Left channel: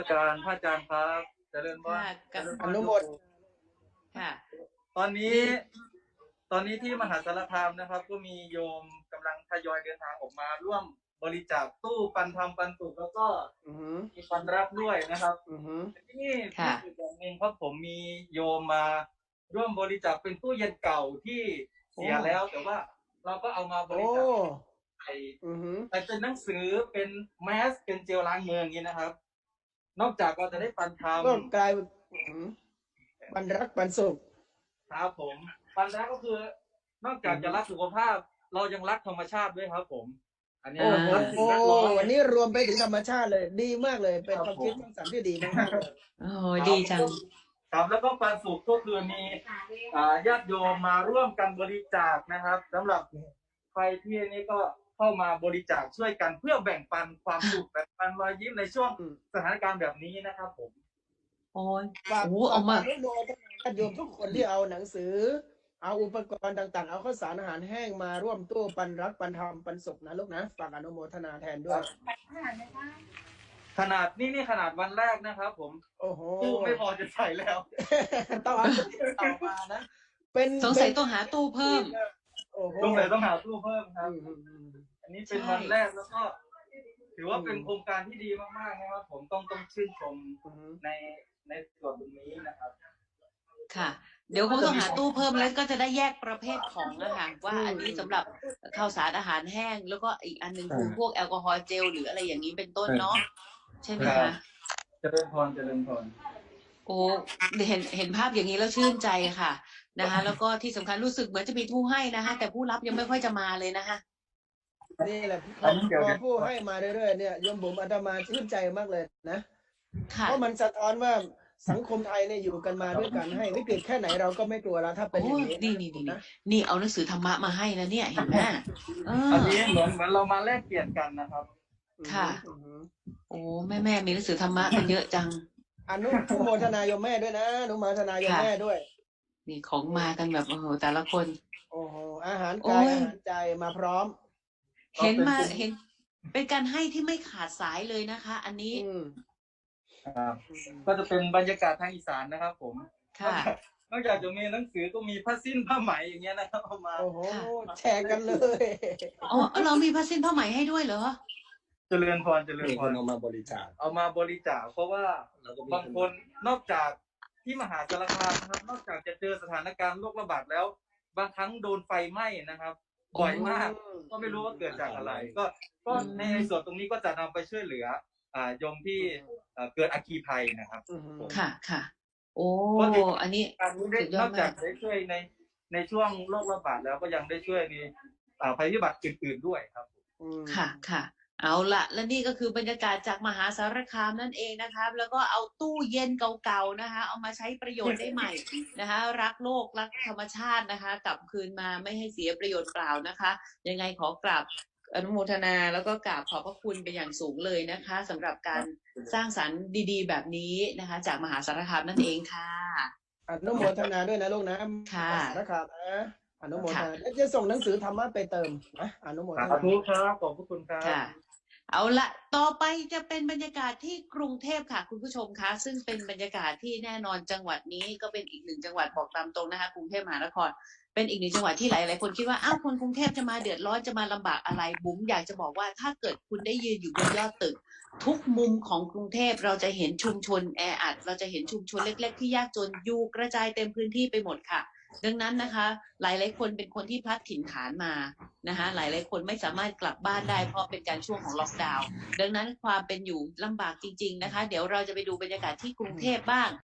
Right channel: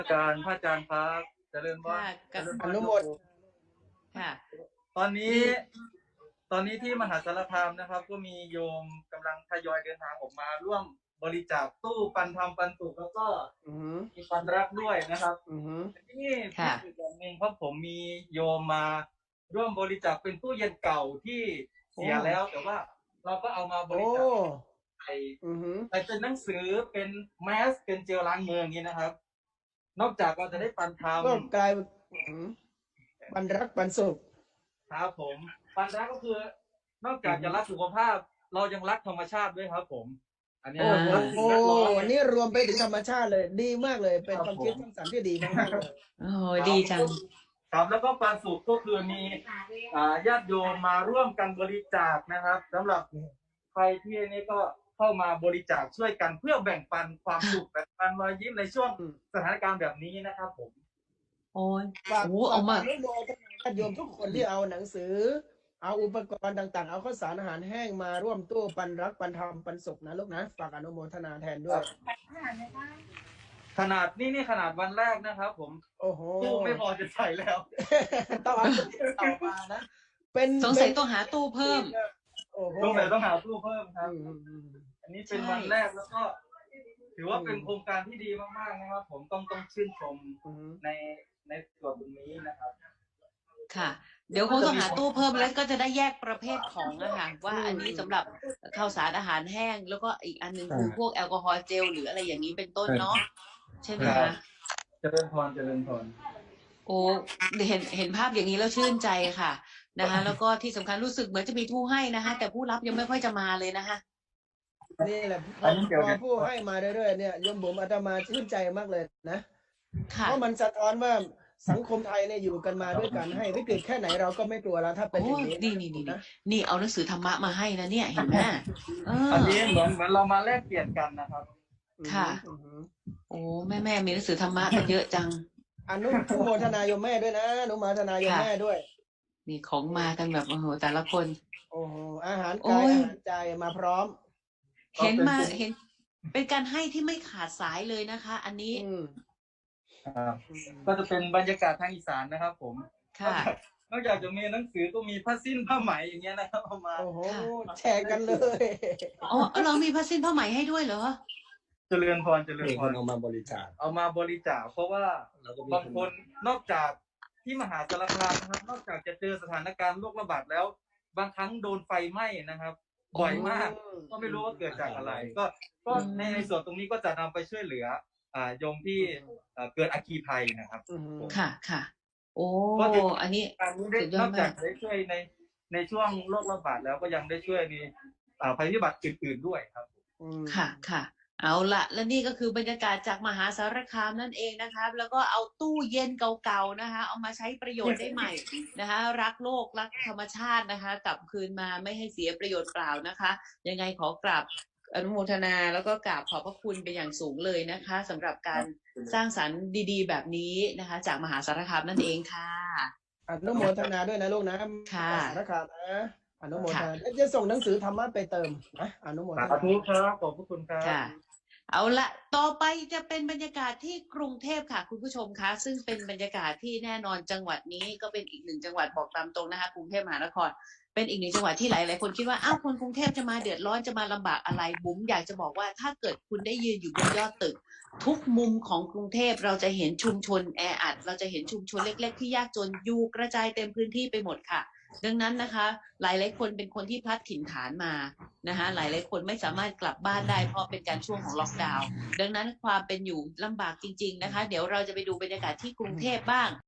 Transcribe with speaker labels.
Speaker 1: การพระอาจารย์ครับเจริญพร
Speaker 2: ค่ะ
Speaker 1: เจริญพ
Speaker 3: อ
Speaker 1: ร
Speaker 3: นุโมท
Speaker 2: ค่ะ
Speaker 1: ตอนนี้ตอนนี้ที่มหาสารคามนะครับ ก็มีโยมกำลังทยอยเดินทางออกมาร่วมบริจาคตู้ปันธรรมปันสุขแล้วก็
Speaker 3: อือหือ
Speaker 1: มีปันรักด้วยนะครับ
Speaker 3: อือหือ
Speaker 1: ที่
Speaker 2: ค่ะ
Speaker 1: อีกอย่างหนึ่งเพราะผมมีโยมมาร่วมบริจาคเป็นตู้เย็นเก่าที่เสียแล้ว แต่ว่าเราก็เอามาบ
Speaker 3: โอ้
Speaker 1: ริจาคใส่
Speaker 3: อือหือ
Speaker 1: เป็นหนังสือเป็นแมสเป็นเจลล้างมืออย่างนี้นะครับ นอกจากเราจะได้ปันธรรม
Speaker 3: ก็กลายเป็นปันรักปันสุข
Speaker 1: ครับผมปันรักก็คือนอกจากจะรักสุขภาพ เรายังรักธรรมชาติด้วยครับผม อันนี้
Speaker 3: โอ้โห
Speaker 1: รักสิ่งแวดล้อม
Speaker 3: วันนี้รวมไปถึงธรรมชาติเลย ดีมากเลย เป็นความคิดสร้างสรรค์ที่ดีมากๆเลย
Speaker 2: โอ้ดีจัง
Speaker 1: ครับแล้วก็ปันสุขก็คือมีญาติโยมมาร่วมกันบริจาคนะครับสำหรับใครที่นี้ก็เข้ามาบริจาคช่วยกันเพื่อแบ่งปันความสุขแบ่งปันรอยยิ้มในช่วงสถานการณ์แบบนี้นะครับผม
Speaker 2: โอ้ย
Speaker 3: ฝาก
Speaker 2: โอ้เอามา
Speaker 3: อนุโมทนาญาติโยมทุกคนที่เอาหนังสือ เอาอุปกรณ์ต่างๆ เอาข้าวสารอาหารแห้งมาร่วมตู้ปันรักปันธรรมปันสุขนะลูกนะ ฝากอนุโมทนาแทนด้วย
Speaker 1: ขนาดนี่ขนาดวันแรกนะครับผม
Speaker 3: โอ้โห
Speaker 1: ตู้ไม่พอจะใส่แล้ว
Speaker 3: ต้องเอาต่อมานะ เป็น
Speaker 2: สงสัยต้องหาตู้เพิ่ม
Speaker 3: โอ้โห
Speaker 1: ต้องหาตู้เพิ่มครับ
Speaker 3: อืม
Speaker 1: อันนี้เป็นวันแรกแล้วก็ ถือว่าเป็นโครงการที่ดีมากๆนะครับผมต้องชื่นชม
Speaker 3: อืม
Speaker 1: ในส่วนตรงนี้นะครับ
Speaker 2: ค่ะ เดี๋ยวคงต้องหาตู้เพิ่มแล้วก็จะได้แยกประเภทของนะคะว่าอันนี้สำหรับข้าวสารอาหารแห้ง แล้วก็อีกอันหนึ่งคือพวกแอลกอฮอล์เจลหรืออะไรอย่างนี้เป็นต้นเนาะใช่ไหม
Speaker 1: ครั
Speaker 2: คะ
Speaker 1: บ เจริญพรเจริญพร
Speaker 2: โอ้เห็นภาพอย่างนี้แล้วชื่นใจค่ะนะคะแล้วก็ที่สำคัญรู้สึกเหมือนจะมีผู้ให้นะคะแต่ผู้รับยังไม่ค่อยจะมาเลยนะคะ
Speaker 3: นี่แหละพอผู้ให้มาเรื่อยๆเนี่ยโยมบุ๋มอาตมาชื่นใจมากเลยนะ
Speaker 2: ค่ะ
Speaker 3: เพราะมันสะท้อนว่าสังคมไทยเนี่ยอยู่กันมาด้วยกันให้วิกฤตแค่ไหนเราก็ไม่กลัวแล้วถ้าเป็นอ
Speaker 2: โอ้
Speaker 3: ย่าง
Speaker 2: ย
Speaker 3: นี้
Speaker 2: นี่เอาหนังสือธรรมะมาให้นะเนี่ยเห็นไหม
Speaker 1: อันนี้เหมือนเรามาแลกเปลี่ยนกันนะครับ
Speaker 2: ค่ะ
Speaker 3: อืม
Speaker 2: โอ้แม่มีหนังสือธรรมะกันเยอะจัง
Speaker 3: อนุโมทนาโยมแม่ด้วยนะอนุโมทนาโยมแม่ด้วย
Speaker 2: นี่ของมากันแบบโอ้โหแต่ละคน
Speaker 3: โอ้โหอาหาร
Speaker 2: โอ้
Speaker 3: กาย
Speaker 2: ย
Speaker 3: อาหารใจมาพร้อม
Speaker 2: เห็นเป็นการให้ที่ไม่ขาดสายเลยนะคะ อันนี้
Speaker 3: อืม
Speaker 1: ครับก็จะเป็นบรรยากาศทางอีสานนะครับผม
Speaker 2: ค่ะ
Speaker 1: นอกจากจะมีหนังสือก็มีผ้าสิ้นผ้าไหมอย่างเงี้ยนะครับเอามา
Speaker 3: โอ้โห
Speaker 2: ค่ะ
Speaker 3: แชร์กันเลย
Speaker 2: อ๋อเรามีผ้าสิ้นผ้าไหมให้ด้วยเหรอ
Speaker 1: เจริญพรเจริญ
Speaker 4: มี
Speaker 1: พ
Speaker 4: คน
Speaker 1: ร
Speaker 4: เอามาบริจาค
Speaker 1: เอามาบริจาคเพราะว่า
Speaker 4: แล้วก็มี
Speaker 1: บางคนนอกจากที่มหาสารคามนะครับนอกจากจะเจอสถานการณ์โรคระบาดแล้ว บางครั้งโดนไฟไหม้นะครับบ่อยมาก ก็ไม่รู้ว่าเกิดจากอะไร ก็ในส่วนตรงนี้ก็จะนำไปช่วยเหลือโยมที่เกิดอัคคีภัยนะครับ
Speaker 3: อืม
Speaker 2: ค่ะ โอ้อันนี้
Speaker 1: การนี้ได้
Speaker 2: สุดยอด
Speaker 1: นอกจาก
Speaker 2: มาก
Speaker 1: ได้ช่วยในช่วงโรคระบาดแล้วก็ยังได้ช่วยในภัยพิบัติอื่นๆด้วยครับ
Speaker 3: อืม
Speaker 2: ค่ะ เอาละและนี่ก็คือบรรยากาศจากมหาสารคามนั่นเองนะครับ แล้วก็เอาตู้เย็นเก่าๆนะคะ เอามาใช้ประโยชน์ได้ใหม่นะคะ รักโลกรักธรรมชาตินะคะ กลับคืนมาไม่ให้เสียประโยชน์เปล่านะคะ ยังไงขอกราบอนุโมทนาแล้วก็กราบขอบพระคุณเป็นอย่างสูงเลยนะคะสำหรับการสร้างสรรค์ดีๆ แบบนี้นะคะ จากมหาสารคามนั่นเองค่ะ
Speaker 3: อนุโมทนาด้วยนะลูกนะ
Speaker 2: ค่ะ
Speaker 3: นะครับนะอนุโมทนาแล้วจะส่งหนังสือธรรมะไปเติมนะอนุโมท
Speaker 1: สา
Speaker 3: นา
Speaker 1: ธุครับขอบพระคุณครับ
Speaker 2: ค่ะ เอาละต่อไปจะเป็นบรรยากาศที่กรุงเทพค่ะคุณผู้ชมคะซึ่งเป็นบรรยากาศที่แน่นอนจังหวัดนี้ก็เป็นอีกหนึ่งจังหวัดบอกตามตรงนะคะกรุงเทพมหานครเป็นอีกหนึ่งจังหวัดที่หลายๆคนคิดว่าอ้าวคนกรุงเทพจะมาเดือดร้อนจะมาลำบากอะไรบุ๋มอยากจะบอกว่าถ้าเกิดคุณได้ยืนอยู่บนยอดตึก ทุกมุมของกรุงเทพเราจะเห็นชุมชนแออัดเราจะเห็นชุมชนเล็ก ๆ ที่ยากจนอยู่กระจายเต็มพื้นที่ไปหมดค่ะ ดังนั้นนะคะ หลายๆคนเป็นคนที่พลัดถิ่นฐานมานะคะหลายๆคนไม่สามารถกลับบ้านได้เพราะเป็นการช่วงของล็อกดาวน์ดังนั้นความเป็นอยู่ลำบากจริง ๆนะคะ เดี๋ยวเราจะไปดูบรรยากาศที่กรุงเทพบ้าง